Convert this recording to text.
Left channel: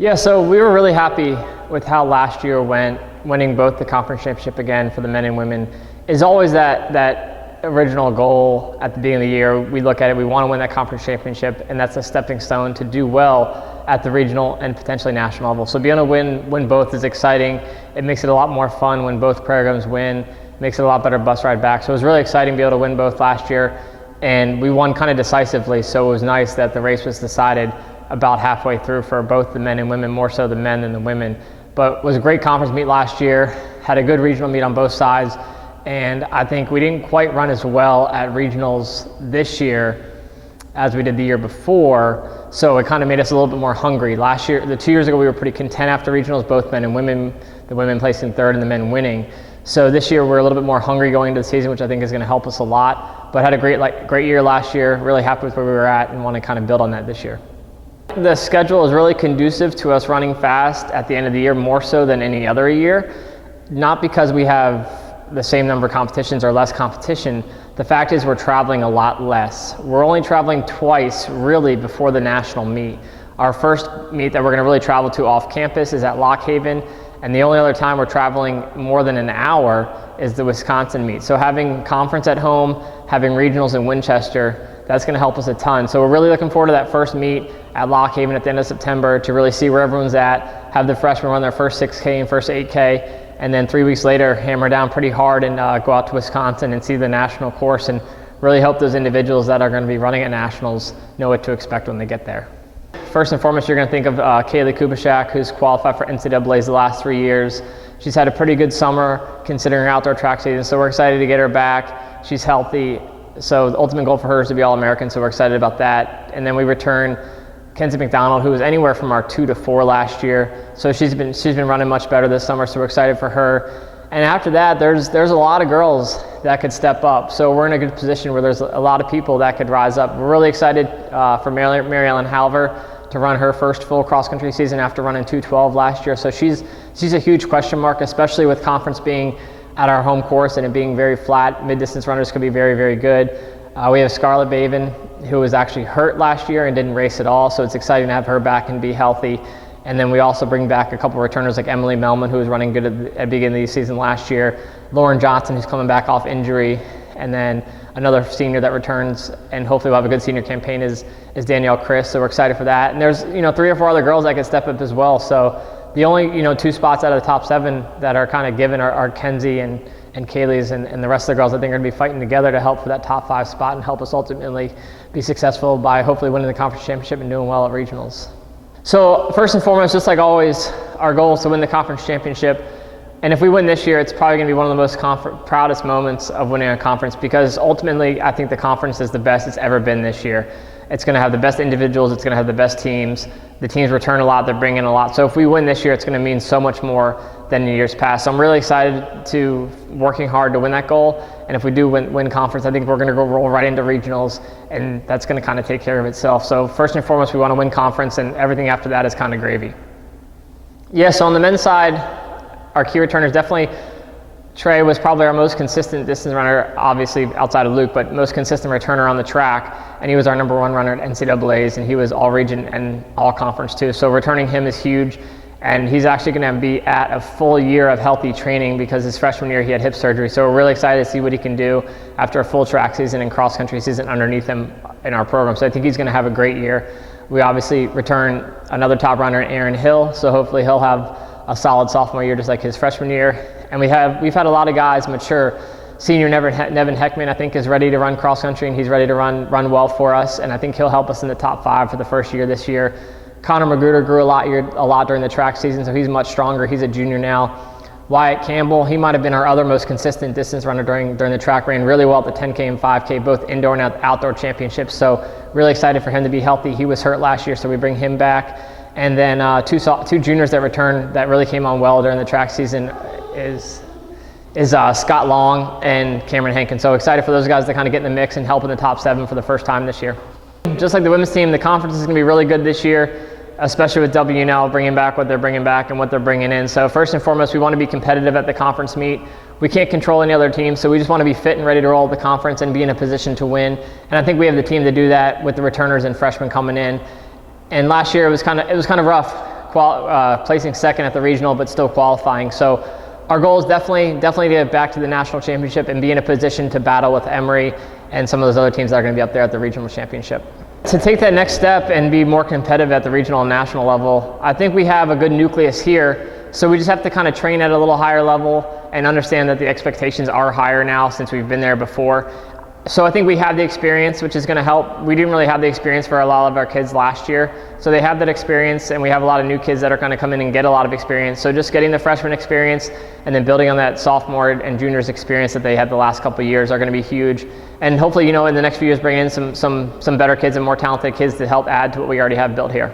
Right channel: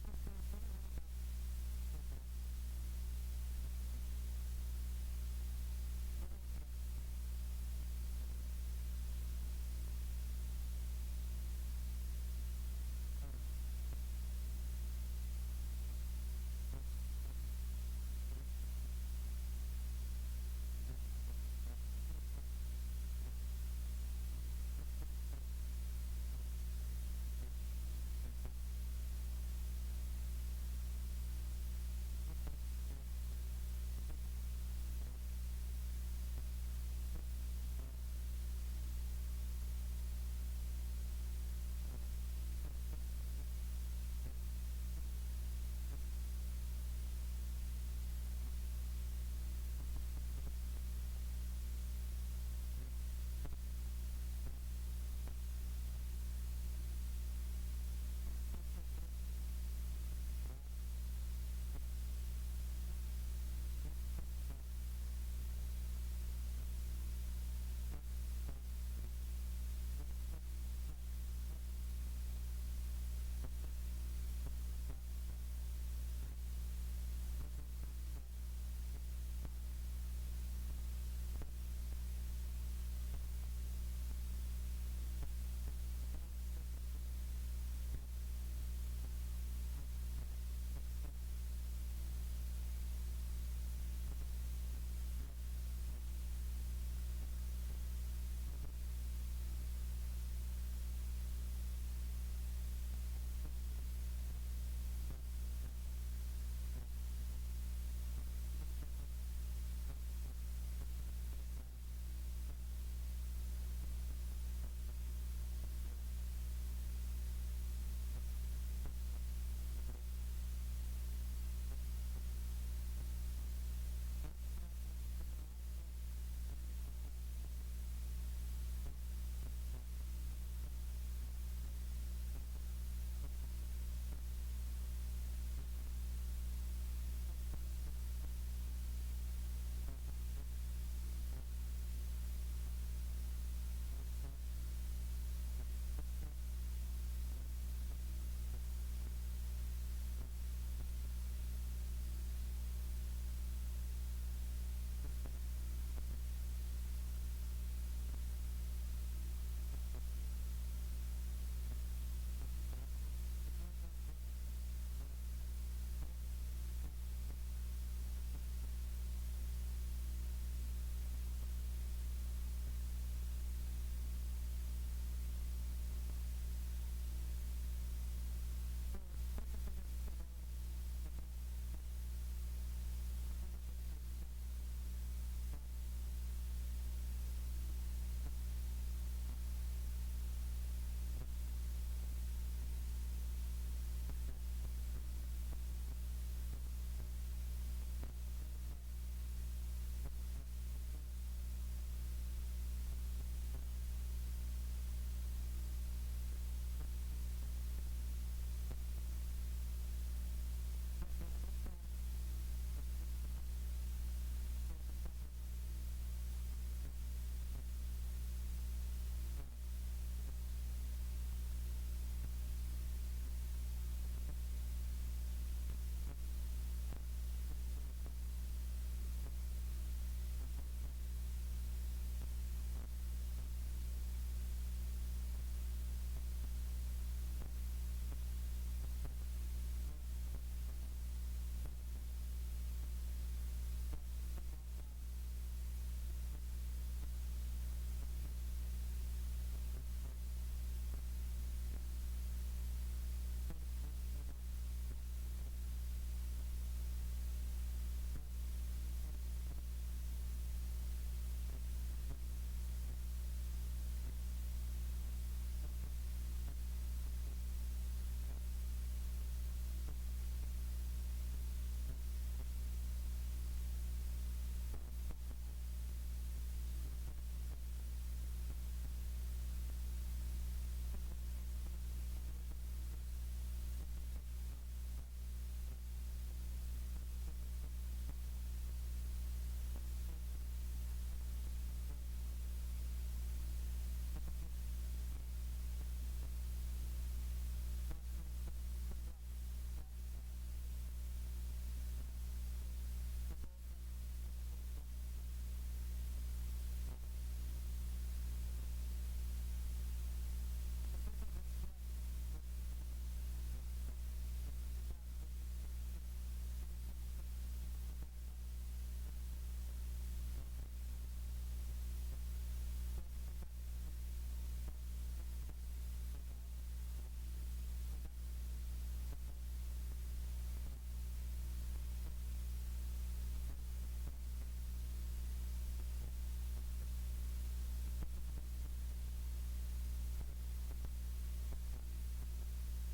Yeah, so we were really happy with how last year went, winning both the conference championship again for the men and women. Is always that original goal at the beginning of the year. We look at it, we want to win that conference championship, and that's a stepping stone to do well at the regional and potentially national level. So being able to win both is exciting. It makes it a lot more fun when both programs win, makes it a lot better bus ride back. So it was really exciting to be able to win both last year, and we won kind of decisively, so it was nice that the race was decided about halfway through for both the men and women, more so the men than the women. But it was a great conference meet last year, had a good regional meet on both sides, and I think we didn't quite run as well at regionals this year as we did the year before, so it kind of made us a little bit more hungry. Last year, 2 years ago, we were pretty content after regionals, both men and women, the women placing third and the men winning. So this year we're a little bit more hungry going into the season, which I think is going to help us a lot, but had a great year last year, really happy with where we were at and want to kind of build on that this year. The schedule is really conducive to us running fast at the end of the year, more so than any other year. Not because we have the same number of competitions or less competition. The fact is we're traveling a lot less. We're only traveling twice really before the national meet. Our first meet that we're going to really travel to off campus is at Lock Haven, and the only other time we're traveling more than an hour is the Wisconsin meet. So having conference at home, having regionals in Winchester, that's going to help us a ton. So we're really looking forward to that first meet at Lock Haven at the end of September to really see where everyone's at, have the freshmen run their first 6K and first 8K, and then 3 weeks later hammer down pretty hard and go out to Wisconsin and see the national course and really hope those individuals that are going to be running at nationals know what to expect when they get there. First and foremost, you're going to think of Kaylee Kubishak, who's qualified for NCAA's the last 3 years. She's had a pretty good summer considering her outdoor track season, so we're excited to get her back. She's healthy. So the ultimate goal for her is to be All-American, so we're excited about that. And then we return Kenzie McDonald, who was anywhere from our 2 to 4 last year. So she's been running much better this summer, so we're excited for her. And after that, there's a lot of girls that could step up. So we're in a good position where there's a lot of people that could rise up. We're really excited for Mary Ellen Halver to run her first full cross-country season after running 2:12 last year. So she's a huge question mark, especially with conference being at our home course and it being very flat. Mid-distance runners could be very, very good. We have Scarlett Baven, who was actually hurt last year and didn't race at all, so it's exciting to have her back and be healthy. And then we also bring back a couple returners like Emily Melman, who was running good at the beginning of the season last year, Lauren Johnson, who's coming back off injury, and then another senior that returns, and hopefully we'll have a good senior campaign is Danielle Chris, so we're excited for that. And there's 3 or 4 other girls that could step up as well, so the only 2 spots out of the top 7 that are kind of given are Kenzie and Kaylee's, and the rest of the girls I think are going to be fighting together to help for that top 5 spot and help us ultimately be successful by hopefully winning the conference championship and doing well at regionals. So first and foremost, just like always, our goal is to win the conference championship. And if we win this year, it's probably going to be one of the most proudest moments of winning a conference, because ultimately I think the conference is the best it's ever been this year. It's going to have the best individuals, it's going to have the best teams. The teams return a lot, they're bringing a lot. So if we win this year, it's going to mean so much more than in years past. So I'm really excited to working hard to win that goal. And if we do win conference, I think we're going to go roll right into regionals, and that's going to kind of take care of itself. So first and foremost, we want to win conference, and everything after that is kind of gravy. Yeah, so on the men's side, our key returners, definitely Trey was probably our most consistent distance runner, obviously outside of Luke, but most consistent returner on the track. And he was our #1 runner at NCAA's, and he was all region and all conference too. So returning him is huge. And he's actually going to be at a full year of healthy training because his freshman year he had hip surgery. So we're really excited to see what he can do after a full track season and cross country season underneath him in our program. So I think he's going to have a great year. We obviously return another top runner, Aaron Hill. So hopefully he'll have a solid sophomore year just like his freshman year. And we've had a lot of guys mature. Senior Nevin Heckman, I think, is ready to run cross country, and he's ready to run well for us. And I think he'll help us in the top 5 for the first year this year. Connor Magruder grew a lot during the track season, so he's much stronger. He's a junior now. Wyatt Campbell, he might have been our other most consistent distance runner during the track, ran really well at the 10K and 5K, both indoor and outdoor championships. So really excited for him to be healthy. He was hurt last year, so we bring him back. And then two juniors that returned that really came on well during the track season is Scott Long and Cameron Hankin. So excited for those guys to kind of get in the mix and help in the top 7 for the first time this year. Just like the women's team, the conference is going to be really good this year, especially with WNL bringing back what they're bringing back and what they're bringing in. So first and foremost, we want to be competitive at the conference meet. We can't control any other team, so we just want to be fit and ready to roll the conference and be in a position to win. And I think we have the team to do that with the returners and freshmen coming in. And last year it was kind of rough placing second at the regional, but still qualifying. So our goal is definitely to get back to the national championship and be in a position to battle with Emory and some of those other teams that are going to be up there at the regional championship. To take that next step and be more competitive at the regional and national level, I think we have a good nucleus here. So we just have to kind of train at a little higher level and understand that the expectations are higher now since we've been there before. So I think we have the experience, which is going to help. We didn't really have the experience for a lot of our kids last year. So they have that experience, and we have a lot of new kids that are going to come in and get a lot of experience. So just getting the freshman experience and then building on that sophomore and juniors experience that they had the last couple of years are going to be huge. And hopefully, in the next few years, bring in some better kids and more talented kids to help add to what we already have built here.